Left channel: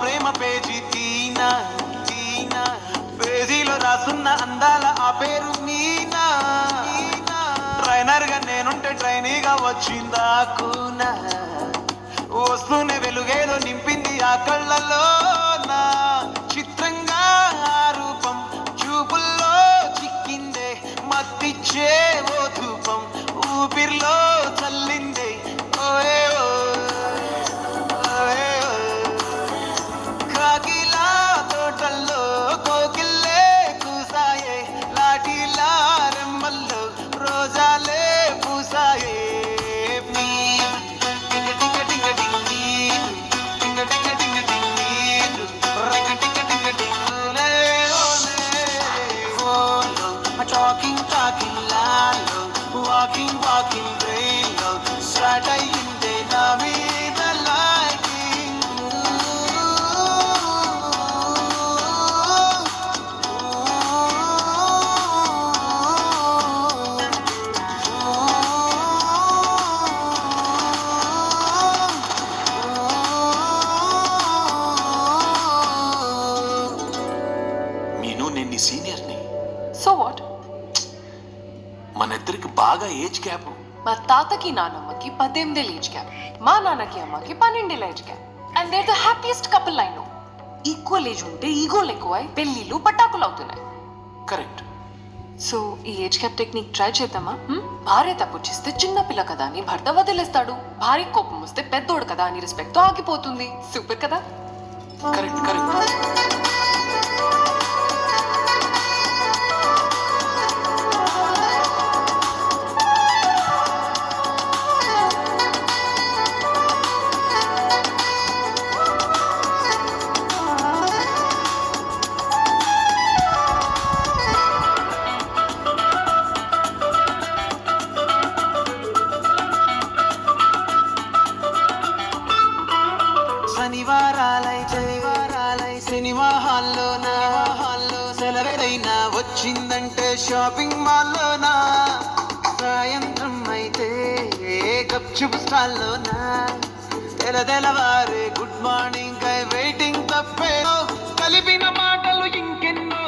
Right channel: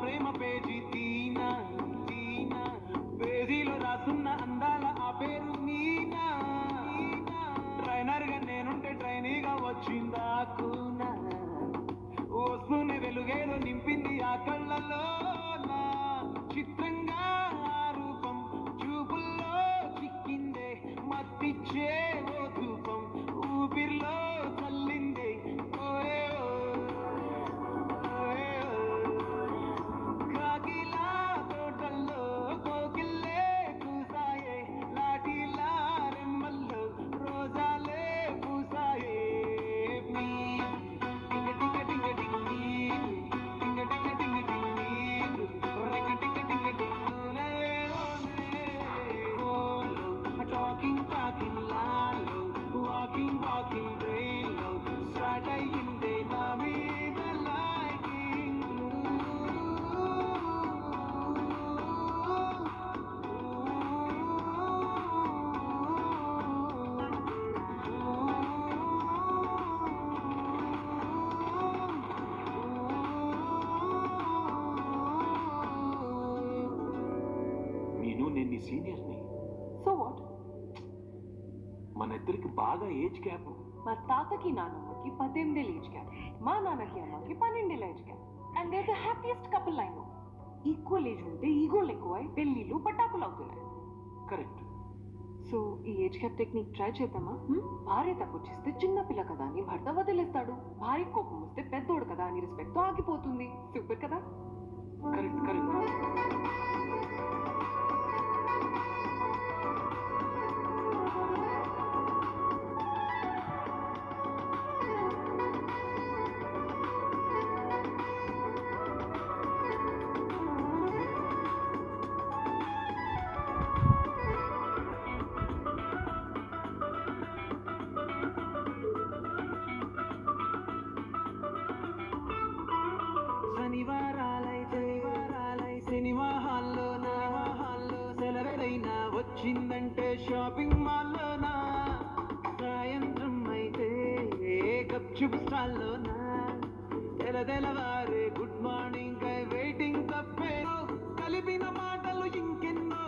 ప్రేమ page తీనా తీనా, పేజీలో రాసున్న అందాల ఆ పేరు మీనా. ట్రైనర్ గా నేనుంటే ట్రైనీగా వచ్చిందా కూనా, వస్తూనే వెలుగేదో నింపింది ఆ కళ్ళలో నా. చిత్రంగా ఆ రూపం చూపుల్లో చిక్కిందే, మత్తిచ్చే ఓ ధూపం ఊపిరిలో చల్లిందే. ఓయే ఓ ఓయే ఓ, కాకిలా తోటల్లో కోకిల్లే కూసాయే, లాఠీలా రెమ్మల్లో రోజాలే పూసాయే. Talking lalo, walking brain lo, start ayyinde na meeda liking. మీను నేను నీ సీనియర్ని. So what? మన ఇద్దరికి బాగా ఏజ్ గ్యాప్. మా తాతకి నానమ్మకి 18 ఏజ్ గ్యాప్, మా నాన్నకి అమ్మకి 12 age gap. And they the happiest couple I know. Equal age ఉంటే ఈగోలు ఎక్కువై పెళ్లిళ్ళు పటాకులు అవుతున్నాయి. కరెక్ట్. సో ఈ ఏజ్ గ్యాప్ టెక్నిక్ ట్రై చేద్దామా? భార్య తప్పు చేస్తే చిన్న పిల్ల కదా అని భర్త వదిలేస్తాడు, భార్య కోపం వస్తే పెద్దోడు కదా అని రెస్పెక్ట్ తో ఆగిపోతుంది. సూపర్ కదా? Correct correct. శనివారాలై సినిమా హాల్లోనా, సెలవేదైనా వచ్చిందంటే షాపింగ్ మాల్లోనా, సాయంత్రం అయితే గప్చుప్ స్టాల్లోనా, తెలవారే గుడ్ మార్నింగ్ కై వెయిటింగ్ తప్పేనో, కలిపిన మాటలు ఇంకెన్నో,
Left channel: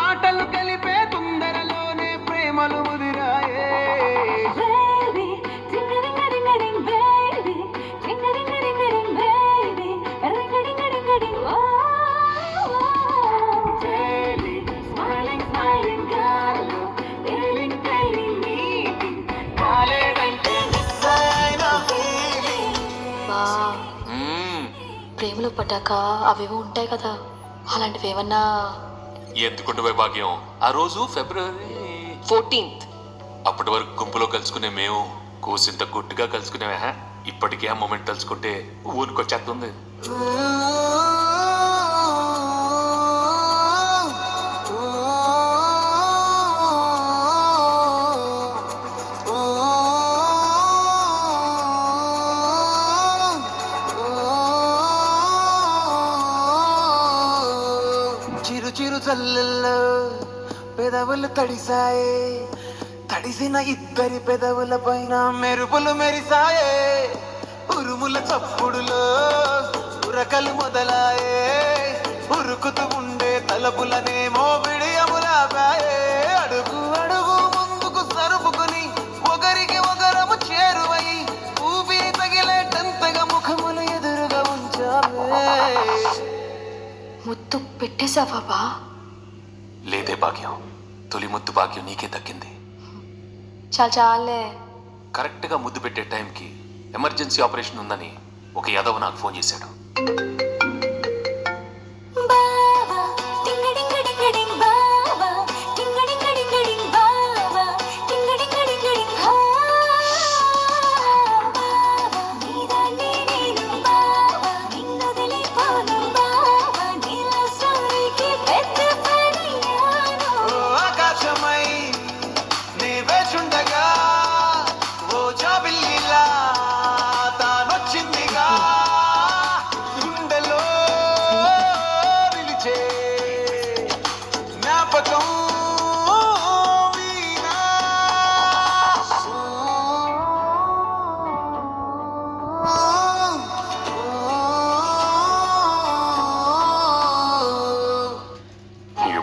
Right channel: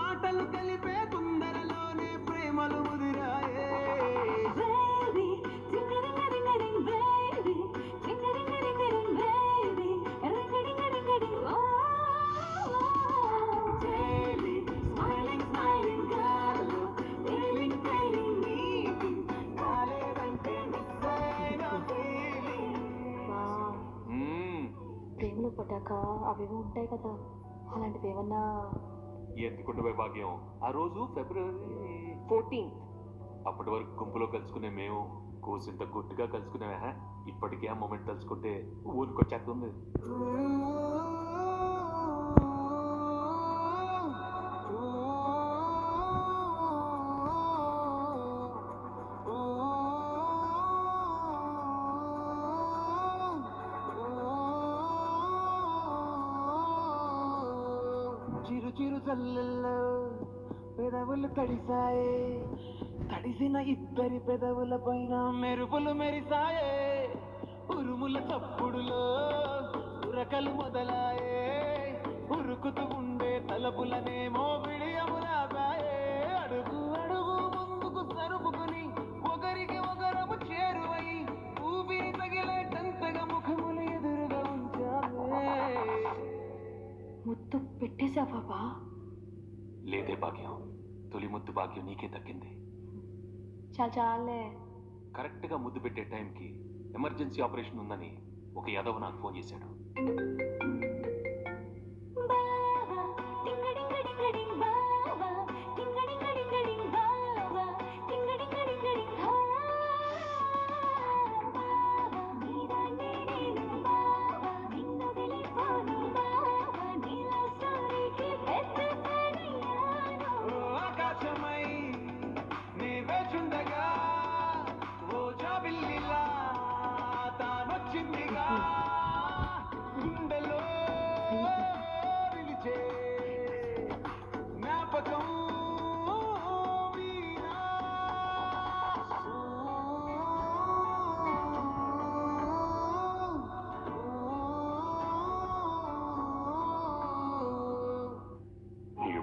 మాటలు కలిపే తొందరలోనే ప్రేమలు ముదిరాయే. ప్రేమలో పడ్డాక అవేవో ఉంటాయి కదా, అలాంటివి ఏమన్నా? ఎందుకుంటే భాగ్యం, ఆ రోజు ఫిబ్రవరి 14th. అప్పటి వరకు గుంపులో కలుసుకునే మేము కూసింత గుట్టుగా కలుసుకునేవా. ఇప్పటికే ఆ మూమెంట్ తలుచుకుంటే ఊరికొచ్చేస్తుంది. చిరు చిరు చల్లల్లో పెదవులు తడిసాయే, తడిసిన ఇద్దరి పెదవుల పైన మెరుపులు మెరిసాయే, ఉరుముల చప్పుడులో ఉరకలు మొదలాయే, ఉరుకుతూ ఉండే తలపులనేమో విడియములాపాయే. అడుగు అడుగు ముందుకు సరుపుకుని ఒకరికి ఒకరము చేరువై, ఊపిరి తగిలేటంతగా ముఖములు ఎదురుగా ఉంచామే. ముద్దు పెట్టేశావా బా? లేదే భాగ్యం, తొలి ముద్దు భాగ్యం నీకే దక్కింది. చాలే. కరెక్ట్గా ముద్దు పెట్టే టైంకి ఎమర్జెన్సీ ఆపరేషన్ ఉందని ఒక యాదవ్ నాకు ఫోన్ చేశాడు.